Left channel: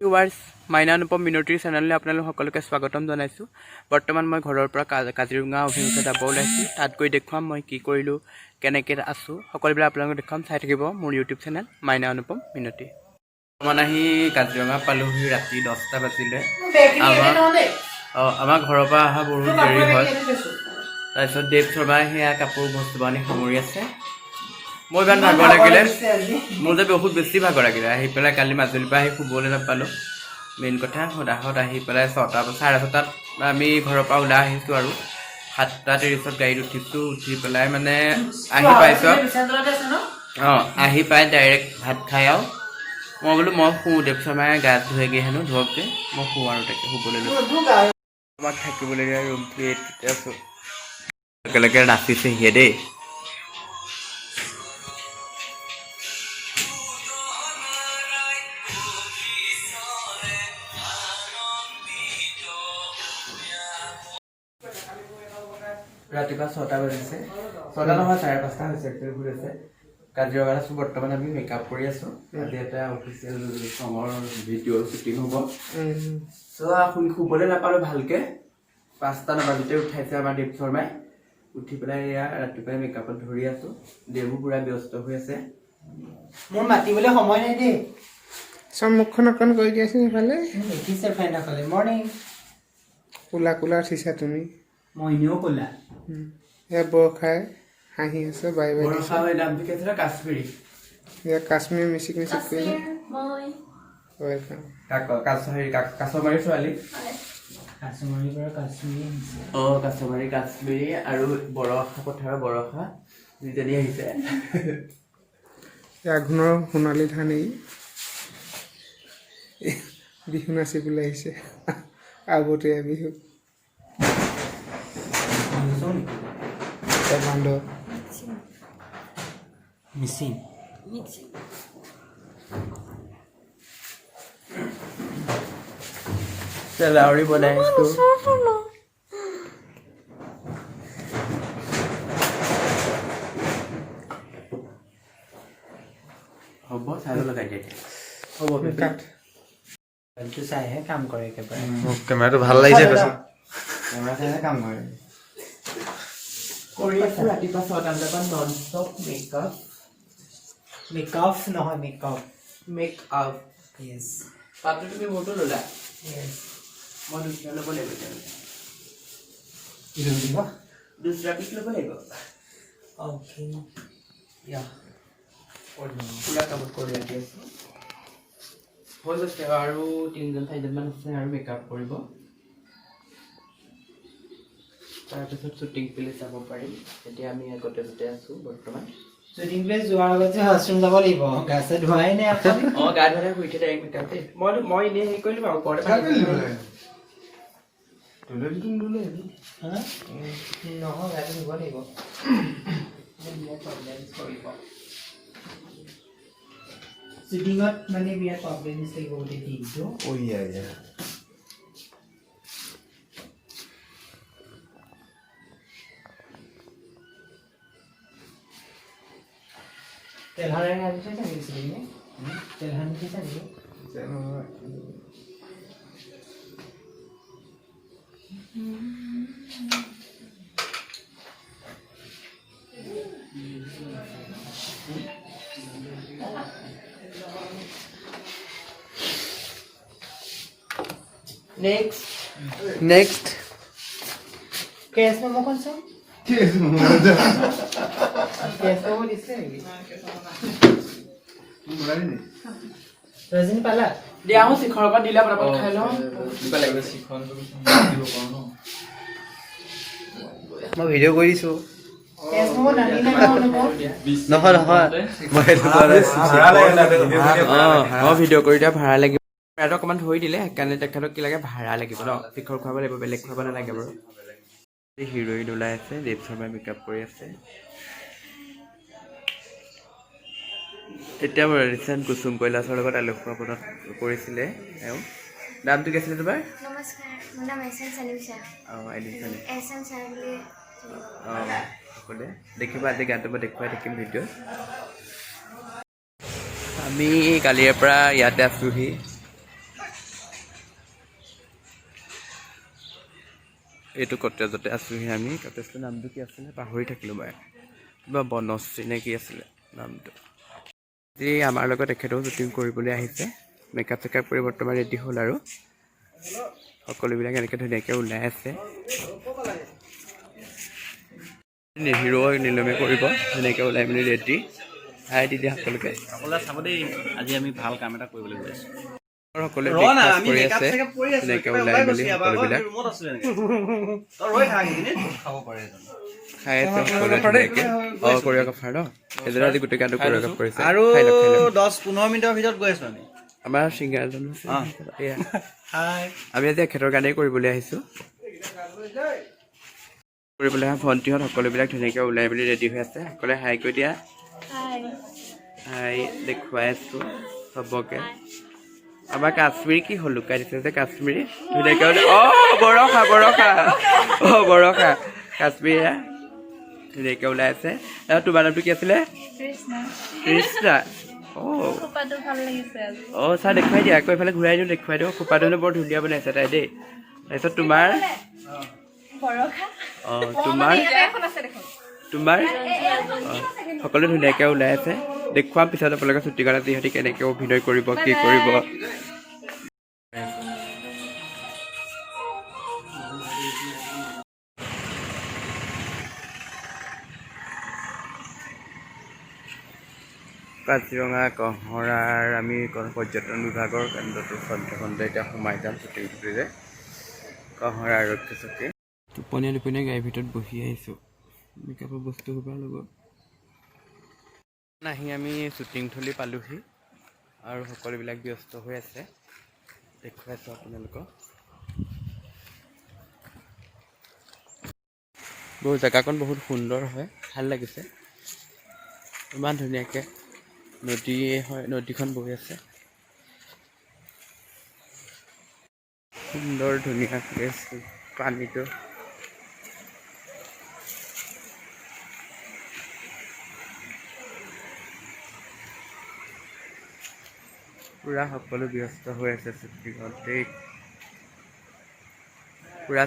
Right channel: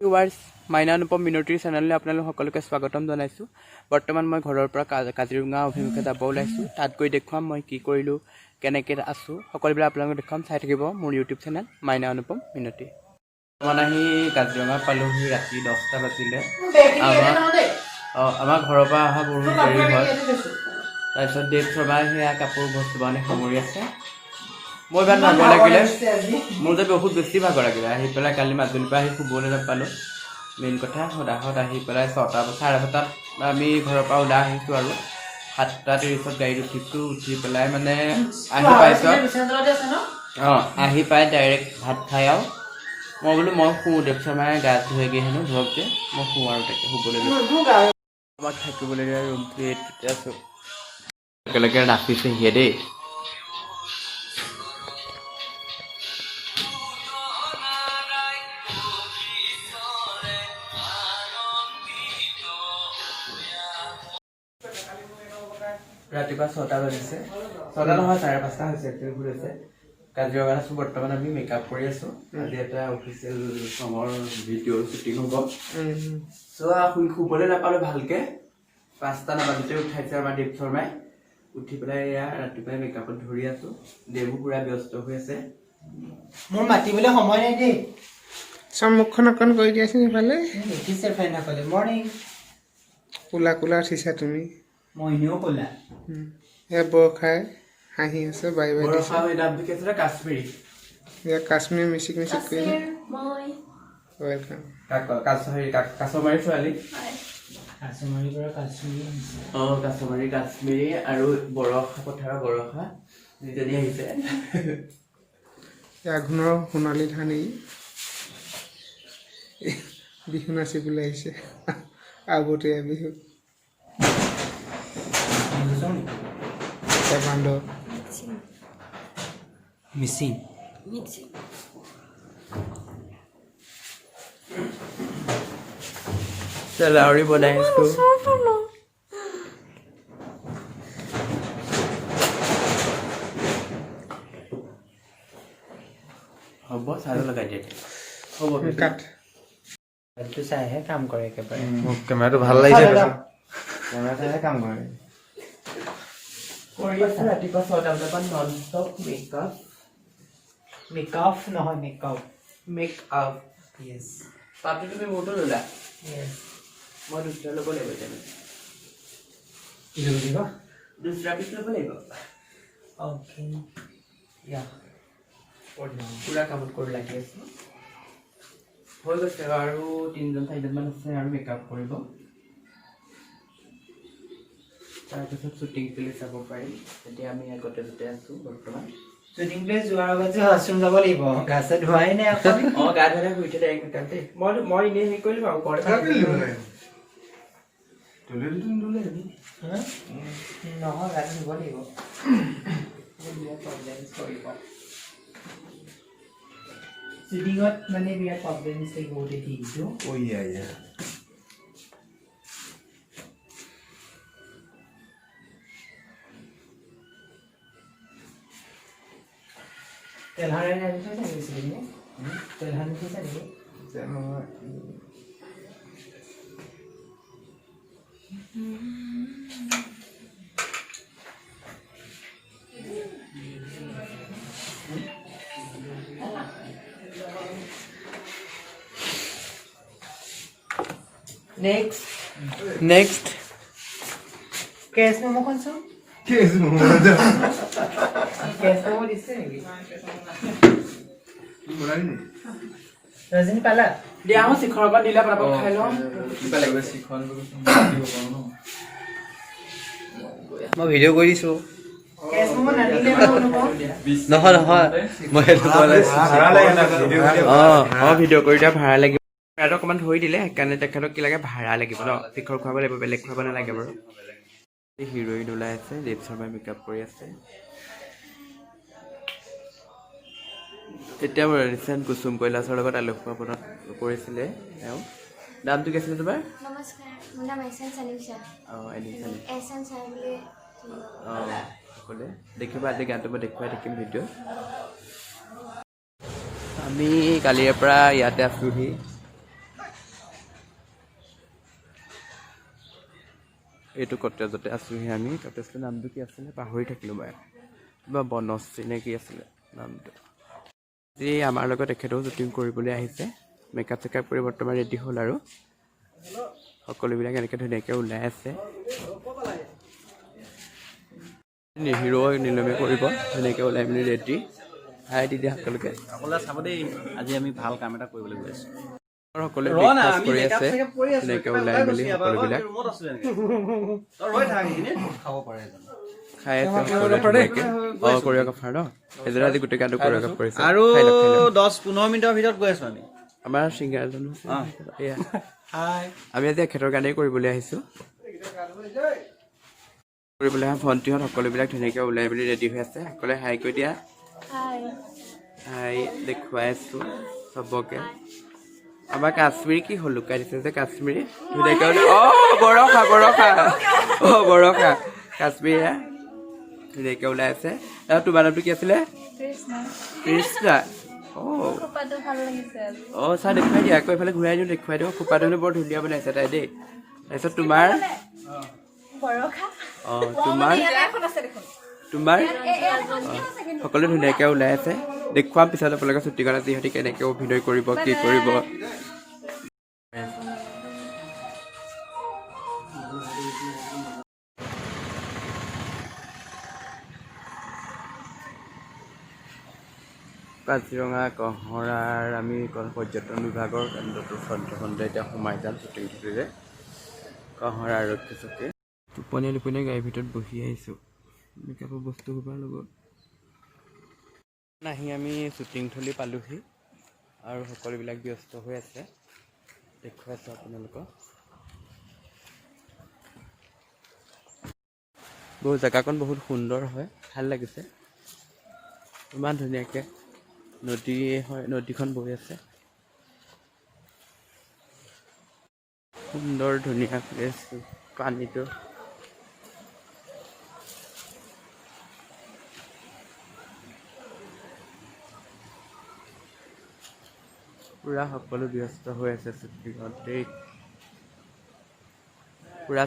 Viewers মাইনা অনুপম মিনতিৰ চেনেললৈ আপোনালোক সকলোকে স্বাগতম জনাইছোঁ। বৰ্তমান মই ঘৰৰ পৰা কাজিৰঙা অভিমুখে যাব ওলাইছোঁ। তাত গৈ দেখুৱাম মই কি কৰিলোঁ, কেনেকৈ আছোঁ, সকলোবিলাক আপোনালোকক দেখুৱাম। চাই থাকিব মোৰ ইউটিউব চেনেল মাইনা অনুপম মিনতি। বৰ্তমান আহি কাজিৰঙা পালোহি, ৰাতি 10টা বাজিলে। আমাৰ ঘৰৰ পৰা অহা বহুত দেৰি হয়। তাৰপিছত দেৱ শৰ্মাই সেয়া কাপোৰ বস্তু বাহানি সামৰি আছে। মই ইমান ভাগৰ লাগিলে, মোৰ যে বহুত বেছি ভাগৰ লাগিলে। আহি পেলাই কালি মাজুলীৰ পৰা আহি শুবলৈ নাপালোঁ। মেইন কথা সদাহত আহি পেলাই 6:30 আমি ঘৰৰ পৰা ওলাই আহিছোঁ আৰু 7:30 গাড়ীত উঠিছোঁ। উঠি পেলাই মানে আহি পাইছোঁ। আহি পাই ডাইৰেক্ট ভাত খাই আৰু মই বোলো মই শুওঁ। দেৱ শৰ্মাই গা ধুৱেগৈ হেনো, ধৰক যে মই শুওঁ আৰু তাকে শুবলৈ লৈছোঁ। আমাক থাকিবলগীয়া ৰুমটো এইটোতে আছোঁ। একেলগে নাচিছেহিয়ে দেই। ৰাতিপুৱা 6টা বাজিছে, 6টা নহয় 5:30 হৈছে। হৈছে কাজিৰঙাত আছোঁ বৰ্তমান। আমি মেকআপ কৰি আছোঁ। আজি এটা অফিচিয়েল চঙৰ ভিডিঅ' শ্বুটিং হ'ব। শুবলৈ নাপালোঁ ভালকৈ। 5টা নাবাজোতে উঠাইছে আমাৰ দেৱ শৰ্মাই। উঠি পেলাই এয়া ৰাতিপুৱাই মেকআপত ধৰি আছোঁ। দেৱো পুৰা ব্যস্ত হৈ আছে। মোৰ মাতিবলৈ সময় নাই দেই। মুখখন অকণ কৰি দিয়াচোন সেইফালে। দেখিছে ফ্ৰেণ্ডসকলে। মৰ্ণিং। কোলা কোলা উঠিছা তুমি। মই এনেও ক'লা। এয়া বৰষাই হাঁহি আছে, বাই বাই দিছে। কাশ্মীৰী এয়া কাশ্মীৰ মিচিক মিচিক কৰি ৱেলকাম। কাছমাৰী ছোৱালী। কাছমাৰীৰ পৰা কাশ্মীৰী আহিছে। কাশ্মীৰী আৰু বৰষা পথাৰৰ বৰষা দুজনী আহিছে। আঘোণৰ সোণালী ধানী বিহু নাচিবলৈ আহিছে। আবতীয়া বিহু বান্ধৱ মিচিং। লাউৰি বনাই আছোঁ। হ'ব চাই লগাই দিয়া হ'ব। এইটো চাইহে কাম কৰে একেবাৰে। কেমেৰাটো ভাল লাগিছে কৈছো। কেমেৰা চাইহে কাম কৰে। কৰি আছোঁ ৰাতিপুৱা 6টা বজাৰ পৰা নন ষ্টপ মেকআপ। মেকআপ নহয় মেকআপ। মেকআপ য়েছ। পাতটো তুমি মোৰটো ল'লা। য়েছ। মই দুটা ল'ব লাগিব এতিয়া। কি ল'ব লাগিব? দুটা পিচ ল'ব লাগিব। অ'কে ইয়া পুৰা কামত কৰি ৰাখি আছোঁ। হৈ গৈছে আৰু 3-4জনমান আছে আৰু মেকআপ কৰিব। তাৰপিছত শ্বুটিং প্লেচ যাব পাৰিম। এতিয়া আমি আগতে আছোঁ বৰ্তমান। শ্বুটিং প্লেচ যোৱাৰ আগত যে ৱাছৰুম যাব লাগিব। গা চা ধোৱাই নাই এখন। গা ধুৱাই শুই উঠি ডাইৰেক্ট মেকআপ দেই। মই এনেই হেৰি কৰিম আৰু ওপৰতে নহয় গাটো ধুব লাগিব। শ্বুটিঙত মানে বিৰাট প্ৰব্লেম দিছে গোটেই দিনটো। তেলহাৰে আনিছে নেকি? তেলহাৰ নিছে নেকি? নেক্সট কেছ মেমো কোনছো? কেছ মেমো দিছে নেকি? ৰজনী পালা? দিয়া মই শিখৰৰ পৰা দিলে পৰাপত খাই লওঁ। মই ভিডিঅ' কৰি দিছোঁ। কেছ মেমো নানিলে নহয় মই ভিডিঅ' কৰি দিয়া ভাড়া লাগিব। ভাড়াটো অকণমান ধৰি দিলে সেইকাৰণে তেখেতক কি লাগে ভাড়া লাগিব ন। শিখৰ খুৱাব লাগিব, বেলেগ খুৱাব নালাগে বাৰু। হিৰ'ইন ওলাই আছে, দেৱ শৰ্মাই মেকআপ কৰি আছে। এতিয়া ৰিচেণ্ট কুসুম কৈলাশৰ লগত আলোকপাত কৰিছিলে তেওঁ। নামটো কি আছিলে তোমাৰ? নমস্কাৰ, মোৰ নাম এছএন চানিউচা। এছএন চাই বুলি সকলোৱে দেখিবা। আজি গানটো মই দেখুৱাই থাকিম ভিডিঅ'ত। আমি কালিৰে পৰা ইয়াতে আছোঁহি। এইটো কটেজতে আছোঁহি আমি। কটেজটোৰ নামটো কি আছিলে পাহৰি থাকিলোঁ মই, কিবা বনশ্ৰী নে কি আছিলে নামটো। আজি আমাৰ লগত এখেতেও শ্বুটিং কৰিবলৈ আহিছে। মেকআপ চেকআপ কৰি বৰ্তমান ৰেডি হ'ল আৰু সকলোবিলাক এনেকৈ ধুনীয়াকৈ ওলাই আছে। হিৰো নিলমে কৰিব ধুনীয়াকৈ ওলাই মেলি ৰেডি। হাই দিদি সকলোকে সকলোৱে চাব দেই, আজি আমি ভাল কাম এটা কৰিবলৈ গৈ আছোঁ। সকলোৱে ব্ৰেকফাষ্ট কৰি আছে ধুনীয়াকৈ ওলাই মেলি সকলোবিলাক খাই আছে সকলোৱে ধুনীয়াকৈ। কৰিঅ'গ্ৰাফাৰ ন এজনে আজি গোটেই গানটো কৰিঅ'গ্ৰাফ কৰিছে। আৰু 10-15 মিনিটৰ ভিতৰত গৈ আছোঁ আমি। আমাৰ ছিংগাৰজন এয়া আমি আজি এখেতৰ গানেই কৰিবলৈ আহিছোঁ। কৰিবলৈ অহা ভণ্টিহঁত সকলোবিলাক ধুনীয়াকৈ ওলাই মেলি ৰেডি হৈ আছে। সকলোৱে হাই কৈ দিয়া। হাই দেখুৱাই আছোঁ চবকে। আমাৰ কাশ্মীৰী কি হ'ল লুকাই দিছে যে কাশ্মীৰী ধুনীয়াকৈ বৰষা বৰষা কাশ্মীৰী ধুনীয়াকৈ ওলাই আছে। আৰু তোমাৰ নামটো কি আছিলে? কৃষ্ণা। ছাৰ দেখুৱাই দিয়া আকৌ এইফালে ঘূৰাই দিওঁ, দেখুৱাই দিওঁ। খোপাটো বৰ ধুনীয়া বনাইছে তাই দেই। তাৰপিছত তোমাৰ তোমাৰ সকলো ধুনীয়াকৈ ওলাই আছে। দেখুৱাম পিছত আপোনালোকে শ্বুটিঙত সিহঁতি কেনেকৈ অভিনয় কৰিব কি কৰিব। কাজিৰঙা কঁহৰাৰ আমি পৰ্যটন বিভাগৰ কেন্দ্ৰটোৰ সন্ধিয়া এতিয়া সোমাই যাম শ্বুটিং থুটিৰে। কঁহৰা আৰক্ষী চকী টোপনীয়া গাড়ীৰ ভিতৰত বহি আহিছোঁ মেকআপৰ বস্তু সোপাৰ লগত। আহি আমি শ্বুটিং থলী পালোহি আৰু সকলোবিলাক ব্যস্ত হৈ আছে। দেখুৱাই আছোঁ আপোনালোকক। জেগাকণ বহুত সুন্দৰ হয়, ভাল লাগিছে। ইমান ধুনীয়াকৈ নদীখন বৈ আছে। সুন্দৰ ধুনীয়া প্লেচ পানীটো। পুৰা সকলো ব্যস্ত হৈ আছে শ্বুটিঙত দেই। পুৰা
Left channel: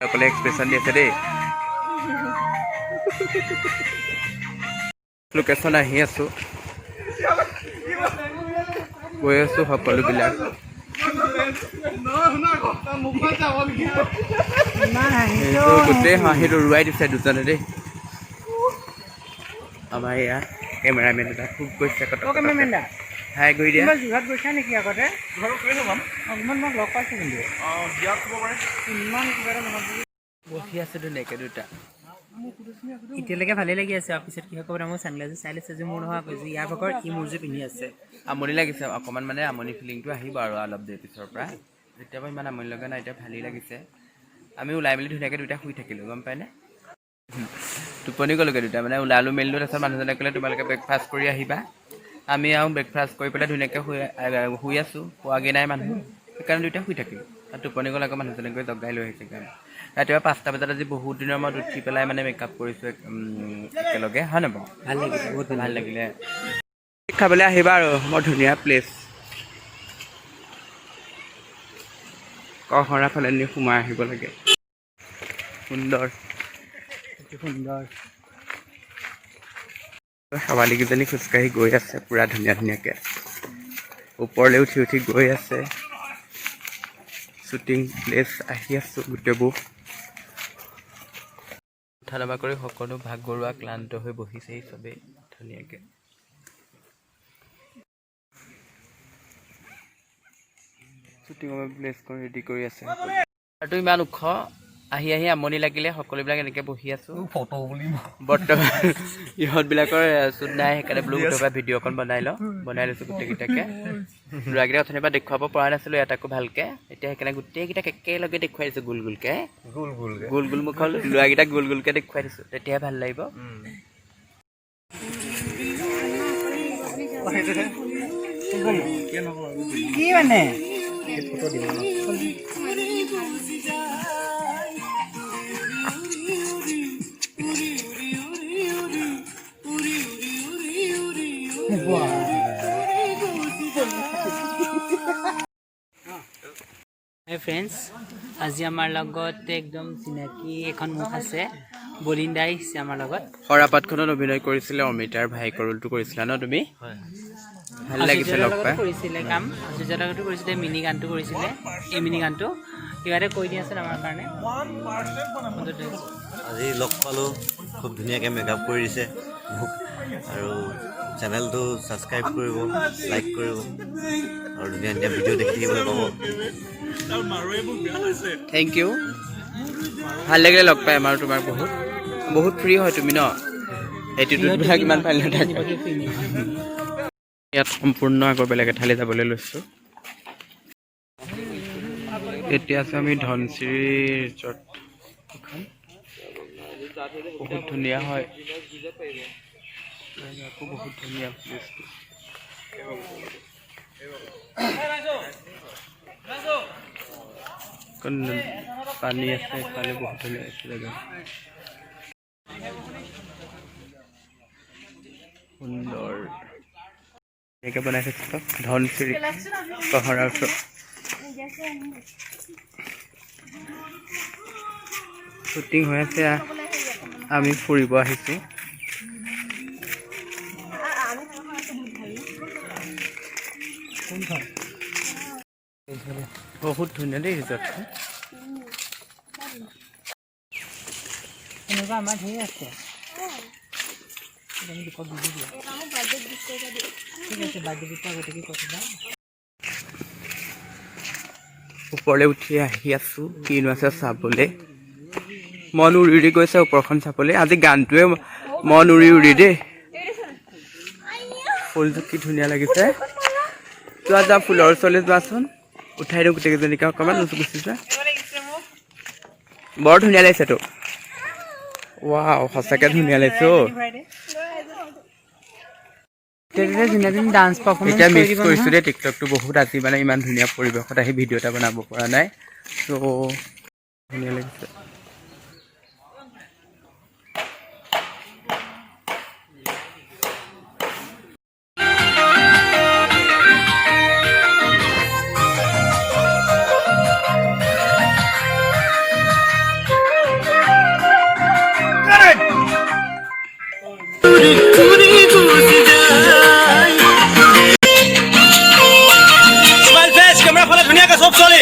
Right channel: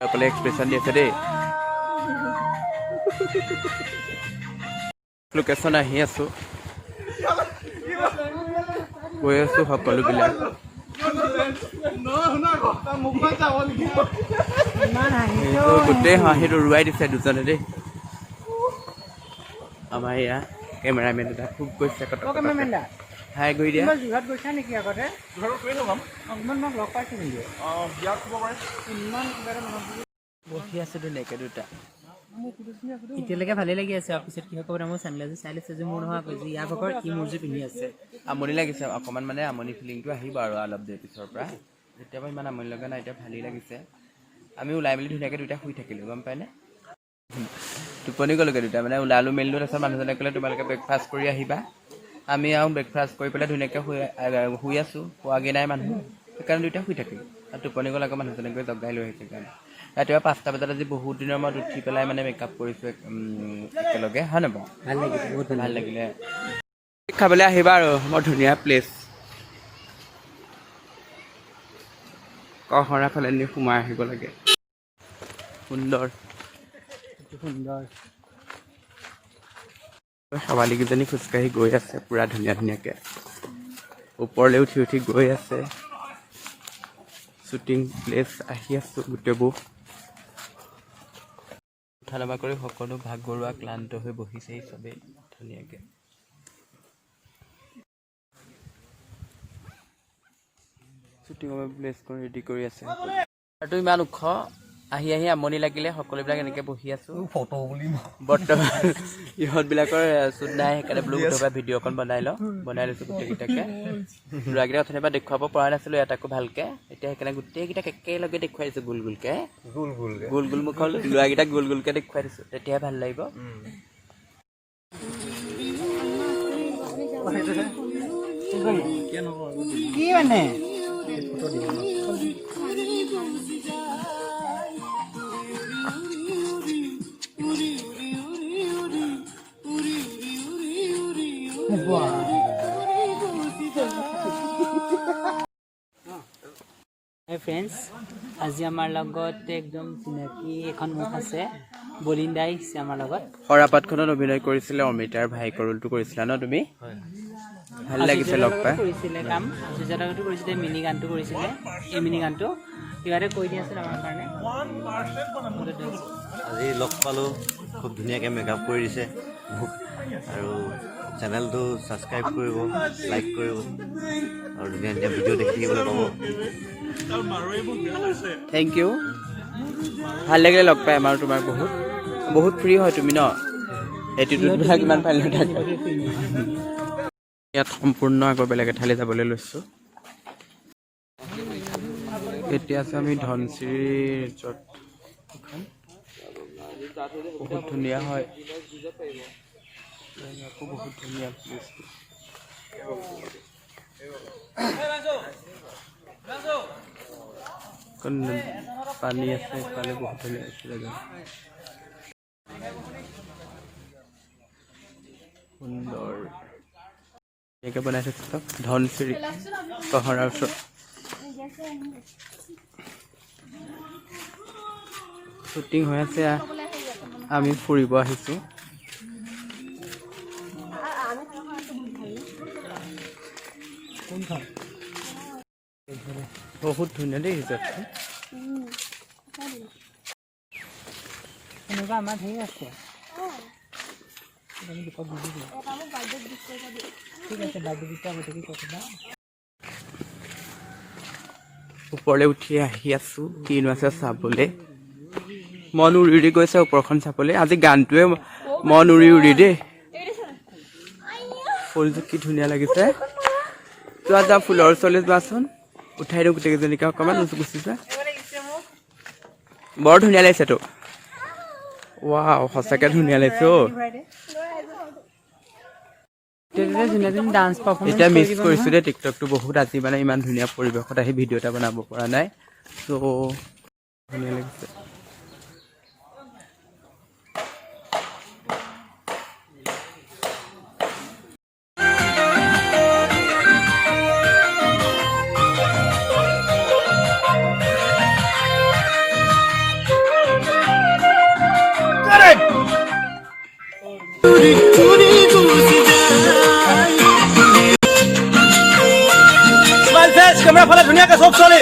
সকলে এক্সপ্ৰেশ্যন দি আছে দেই। লোকেশ্যন আহি আছোঁ গৈ আছোঁ সকলোবিলাক। গোটেই হাঁহিটো উৰুৱাই দিছে দুজনে দেই। আমাৰ এয়া কেমেৰামেন এটা খুব গৈছে হাই কৰি দিয়া। বহি আছে ধুনীয়াকৈ দুটা। এতিয়ালৈকে ভালে লাগি আছে। পিছত কি হ'ব মই চানগ্লাছযোৰ চাই লৈছে যে মোৰ নহয় যে ইয়াৰ ভাগৰ ই মোৰযোৰ পিন্ধি আছে। আমনি লাগিছে অকণমান, মানে আমনি ফিলিংটো আহিব আৰু অলপ দেৰি পিছৰ পৰা। এতিয়া বাৰু ইমান আমনি লগা নাই, এতিয়া ভালেই লাগিছে। আমি ওলাই মেলি ধুনীয়াকৈ দুটা শুই থাকিলোঁ গম পায়নে। টোপনি গ'লোগৈ দুটা, মানে ওলালোঁ মেলিলোঁ। তাৰপিছত মানুহজনে ক'লে তোমালোকে ব্ৰেকফাষ্ট কৰি আহিবা। আমি আৰু ব্ৰেকফাষ্ট কৰি পেলাই ধুনীয়াকৈ শুই আছোঁ। পোৱাগৈ নাই মানুহ, সেইকাৰণে দুইটা শুই থাকিলোঁ। আৰু টোপনি গ'ল আকৌ মানুহজনে গৈ জগাই লৈ আহিছে কাৰণে। ৰাতিপুৱা 5টা বজাত আজি বহুত দিনৰ মূৰত উঠি পেলাই মানে মেকআপ কৰিছোঁ একেলগে, হয় নাই বাৰু? ভাল লাগিছে, বহুত ভাল লাগিলে। খাবলৈ আহিবা আৰু বৰ ধুনীয়া প্লেচ। কঁহৰা ফালে নি সোমাই আহিব লাগে। সুন্দৰ শেৱালিকেইজনী খোজকাঢ়ি গৈ আছে পুৰা ধুনীয়াকৈ। ওপৰলৈ উঠি গৈ আছে। শ্বুটিং প্লেচ আহি আছোঁ গোটেইবোৰ। উঠা নমা কৰি সকলো ভাগৰুৱা ক্লান্ত হৈ বহিছেহি চবেই ধুনীয়াকৈ। শ্বুটিঙৰ প্লেচখন ৰেডি কৰি আছে আৰু ইমান ওখ। আহি আমনি লাগিলে সকলোবিলাক এনেকৈ বহি আছোঁ। ফটো বুলি বৰ্তমান ইহঁতবিলাকৰ শ্বুট নাই, সেইকাৰণে বোলো গোটেই ভিডিঅ' অকণ বনাই লৈছোঁ গোটেইকেইটাকে। ল'ৰাকেইটা অথনিৰ পৰা দেখুৱাব পৰা নাছিলোঁ এটাকো ভালকৈ, এতিয়া সেইকাৰণে গোটেইকেইটাক একেলগে দেখুৱাই দিছোঁ গোল মুখত। ল'ৰাকেইটাক গোল গোলকৈ দেখুৱাই দিছোঁ, তেতিয়াহে ভাল লাগিব। কি মানে Hi friends, আজি আমাৰ লগত একদম চিনাকি এখন মুখ আছে বলিন্দাই আহিছে আমাৰ লগত সৰাপাতখনত অভিনয় কৰিছিলে অমিতাৰ ভাইকৰ ৰোলটো কৰিছিলা ন তুমি ভাল লাগিছে লগ পাই কৰিছিলে কাম আচুজাৰ লগতো কৰিছিলে মিনি গানটো কৰিছিলে এই মিনি গানটো কিবা এটা কৈ দি আছিল আমাৰ কাৰণে আজি লগ পালোঁ খুব ধুনীয়াকৈ মেকআপ কৰি দিছে মোক আৰু চেনেলটো ছাবস্ক্ৰাইব কৰিব লাইক কৰিব আৰু ধুনীয়া ধুনীয়া ভিডিঅ' দেখি থাকিবলৈ পাব থেংক ইউ ভাল লাগিলে লগ পাই আমাৰ তোমাক বহুত বহুত ফ্ৰী হয় তুমি ন এটিটিউডবিলাক ইমান ভাল নাথাকে ইয়াত সম্পূৰ্ণ আগৰ বেলেগ এঠাইলৈ যাবলৈ লৈছোঁ এতিয়া আছোঁ আমি ধনশিৰি ৰিজৰ্ট এখন বহুত ধুনীয়া হয় আকৌ বহুত ধুনীয়া প্লেচটো পানী আছে এইফালে বহুত ধুনীয়া আছে জেগা সুন্দৰ এনেকৈ বনাই থৈছে চব ধনশিৰি পাহাৰৰ ওচৰত শ্বুটিং হৈ আছে আমি ফুৰিব আহিছোঁ বহুত ধুনীয়া দেই ৰিজৰ্টখন এনেকুৱা আমাৰ ধেৰ আছে ঠিক আছে বাৰ্থডে দিছে গোটেই কথা ওপৰলৈ উঠি আহি আছোঁ কিনো আছে চাবলৈ মন উৰি উৰি গৈছে ওপৰখন চাবলৈ আজি গানটোৱে মন উৰি উৰি দেই ফুলটো কি ধুনীয়া লাগিছে যোৱা যাওঁ ফুলৰ ওচৰলৈ যোৱাচোন উঠাই দিওঁ গোটেইকেইজনীকে অকণমান গুচি যোৱা বৰ ধুনীয়া লাগিছেতো ৱাও সঁচাকৈ ধুনীয়া লাগিছে অ' ডান্স এতিয়া মিছ কৰিছোঁ দেই টিকটকটো বহুত আজি মানে ইমান ধুনীয়া পৰিৱেশত আহি ভিডিঅ' এটা বনাব পৰা নাই ত' ধুনীয়া লাগিছে কেমেৰা ফালে ধুনীয়াকৈ চব চলি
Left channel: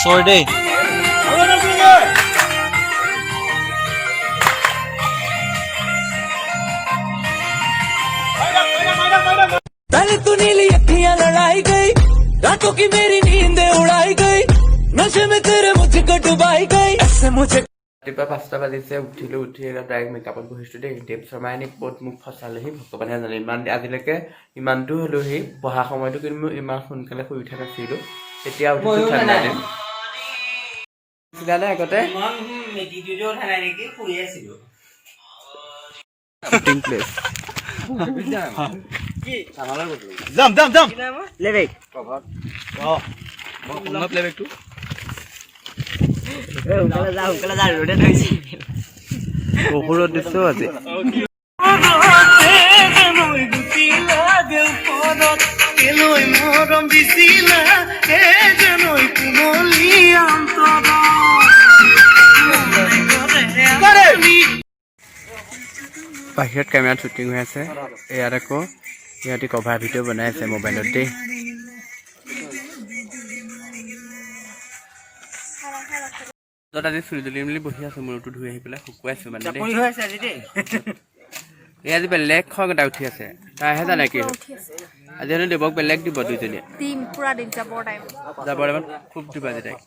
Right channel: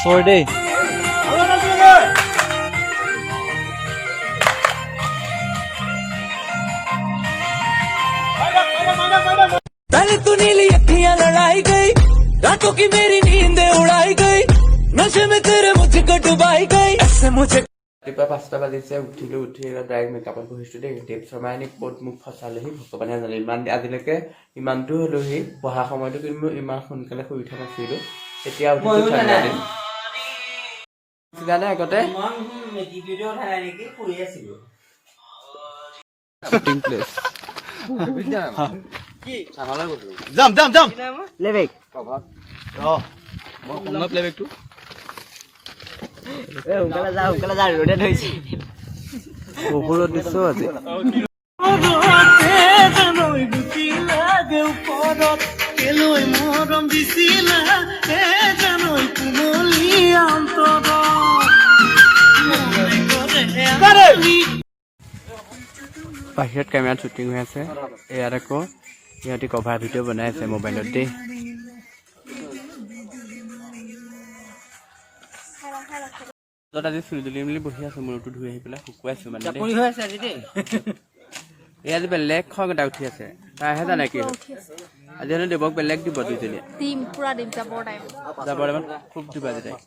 sorry দেই पहले तो नीली अखियां लड़ाई गई रातों की मेरी नींद उड़ाई गई नशे में तेरे मुझको डुबाई गई ऐसे मुझे ৰাতিপুৱা 5টা বাজিছে উঠিলোঁ উঠি ডাইৰেক্ট মেকআপত বহিছোঁ দেই দেৱ শৰ্মাই এনে ক'ত মোক ফচালেহি ভগৱানে জানে ইমান আজিলৈকে ইমানটো হ'লোহি পঢ়া সময়টো কিন্তু মই ইমান সোনকালে শুই উঠা নাছিলোঁ এতিয়া উঠিছোঁ ঠাণ্ডা দিন উঠিলানে আগতে শ্বুটিং প্লেচ যাম যাম যাম লেবেক প্লেবেকটো সোনকালে যা ৰ'দে ধৰিছে বহু ৰ'দ দিছোঁ আজি বাহিৰত কেমেৰাত শ্বুটিং হৈ আছে ইয়াত আকৌ সিহঁতি কভাৰ ভিডিঅ' বনাই আছে মোবাইলত দেই য'ত আজি চুলি তুলি মেলি বহি আছোঁ মূৰটো ধুই আহি পেলাই শুকুৱাইছোঁ মানে এই আজি বেলেগ খং এটা উঠি আছে তাইহে জানে কি আজি হেনো দেৱক বেলেগ দিব দুইজনীয়ে টিম পুৰা দিম যাবৰ টাইম যাবৰ টাইমত খুব দিবা আজি তাইক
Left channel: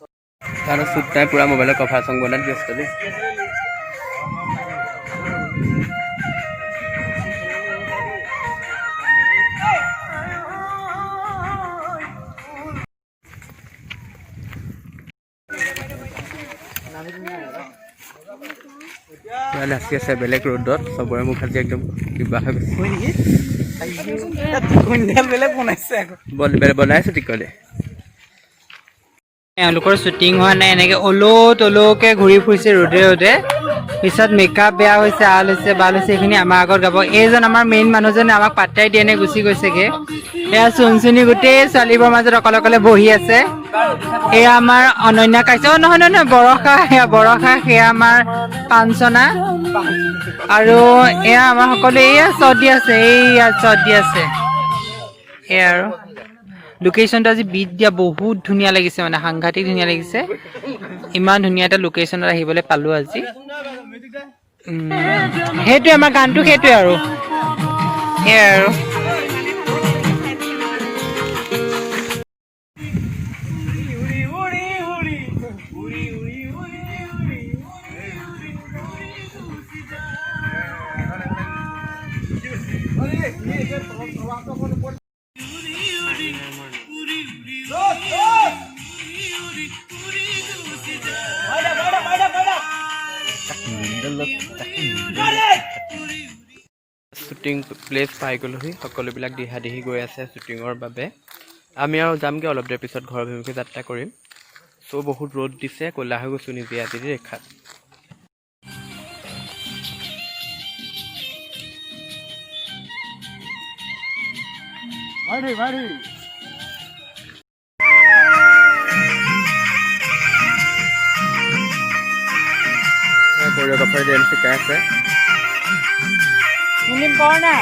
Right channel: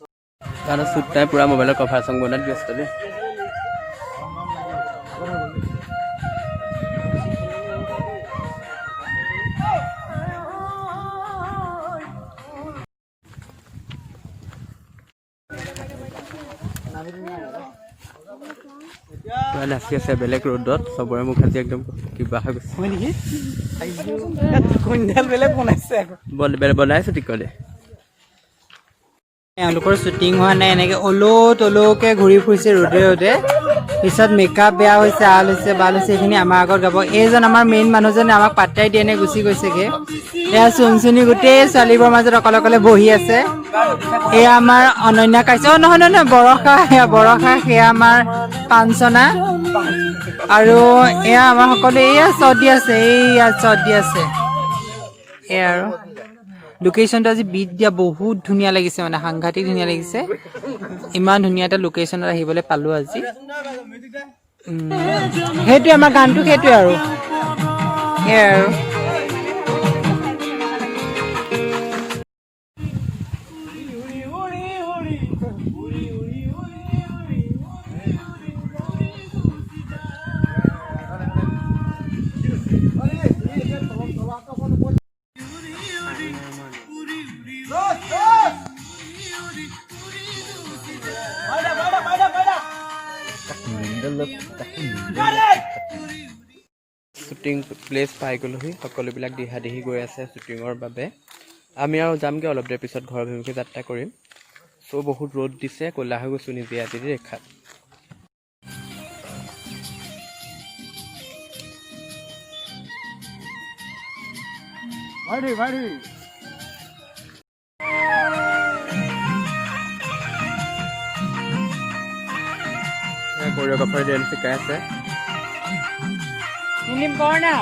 তাহাঁতৰ চুপ নাই পুৰা মোবাইলৰ কভাৰ চং বনাত ব্যস্ত দেই পুৰা নাচি আছে বেলেগ ৰ'দত চবৰে মুখ আজি একদম কিবা হৈ গৈছে বনাইছো টিকলে এওঁলোকৰ শ্বুটিং হোৱা নাই এনেকে অলৌকে ঘূৰি ফুৰিছে ৰ'দে ৰ'দে পিছত মেকআপ বেয়া হৈছে আল হৈছে বাল হৈছে এইখিনি আমাৰ আগত গাব এইজন আমাৰ মেইন মানুহজনে আমাক পাত্তাই দিয়ে নে গুচি গৈছেগে এয়া চুনচুনি গোটেই ছোৱালীবোৰৰ মাজত অকলে বহি আছে এয়া আমাৰ অনন্যা কাইছে নহয় বৰষা সেয়া আমাৰ পাঞ্চনা আৰু এয়া আমাৰ সকলোৱে এয়া শ্বট দি আছে এয়া আৰু লোকেশ্যনটো আজি বিট দিয়া বহুত ধুনীয়া লাগিছে মানে সাংঘাতিক ধুনীয়া লাগিছে ইমান ধুনীয়া এটা লোকেশ্যনত আহিবলৈ পালোঁ আজি সেইটোৱে আমাৰ গানটো সেইটোৱে আৰু সেয়াই আৰু শ্বুটিং প্লেচ পাই গ'লোহি সকলোবিলাক দিহা দিহি গৈ আছে শ্বুটিঙৰ বাবে আমি আৰু যামগৈ অলপ দেৰি পিছত ঘৰ অভিমুখে যাত্ৰা কৰিম চ' বহুত ৰ'দ দিছে ক'লা হৈ গৈছোঁ নিজে আজি ৰেখাত কোৰিঅ'গ্ৰাফাৰ ডেন্স শিকাই আছে ফিল্ম কৰ না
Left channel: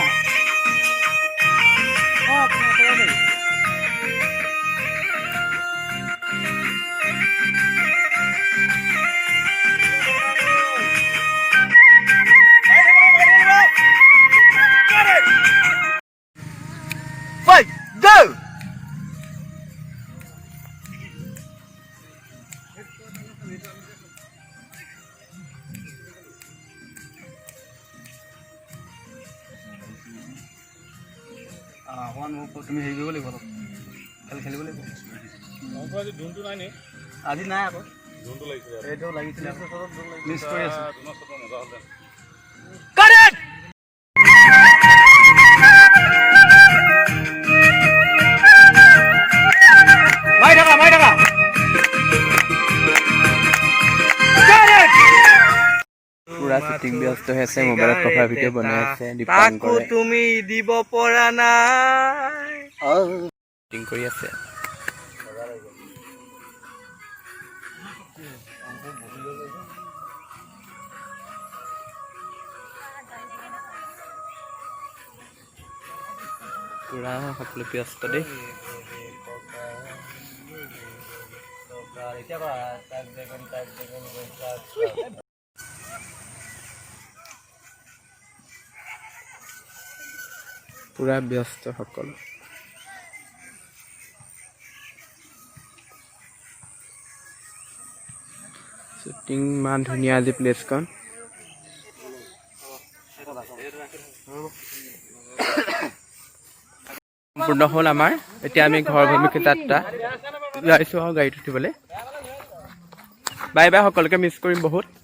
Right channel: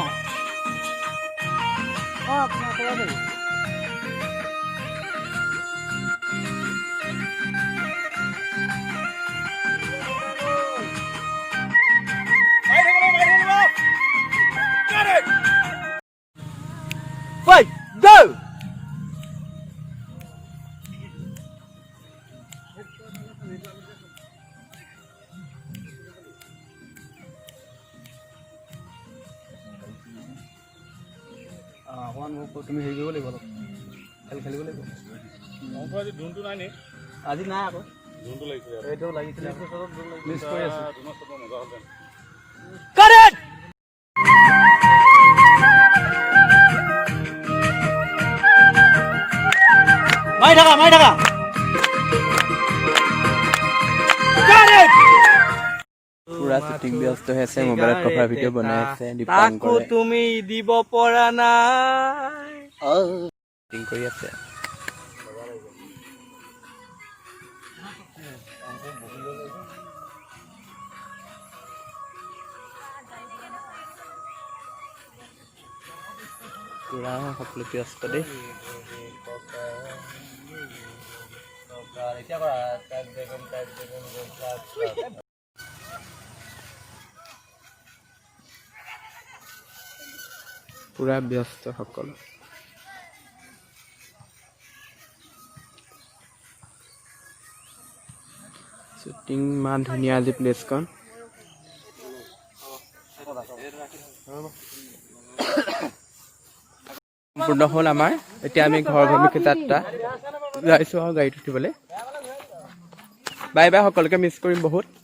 তুমি হেৰি কৰিব লাগিব অলপ খেলিব লাগিব আজি নাই আকৌ এইটো লাগিছিলে মিছ কৰি আছো মাৰি থাকা পুৰা শ্বুটিং ব্যস্ত হৈ আছে মোবাইলত কভাৰ ভিডিঅ' বনাই আছে দীপাংকৰে তুমি দিব পৰা নাই শ্বুটিং কৰি আছে পুৰা সকলো ব্যস্ত দেই পুৰা ব্যস্ত সকলো শ্বুটিং ইমান ধুনীয়া আজি প্লেচখন সম্পূৰ্ণ হ'ল আমাৰ এতিয়া আমি ঘৰ অভিমুখে যাত্ৰা যাইছোঁ আৰু গাড়ীত উঠিবলৈ বাই বাই সকলোকে মিছ কৰিম বহুত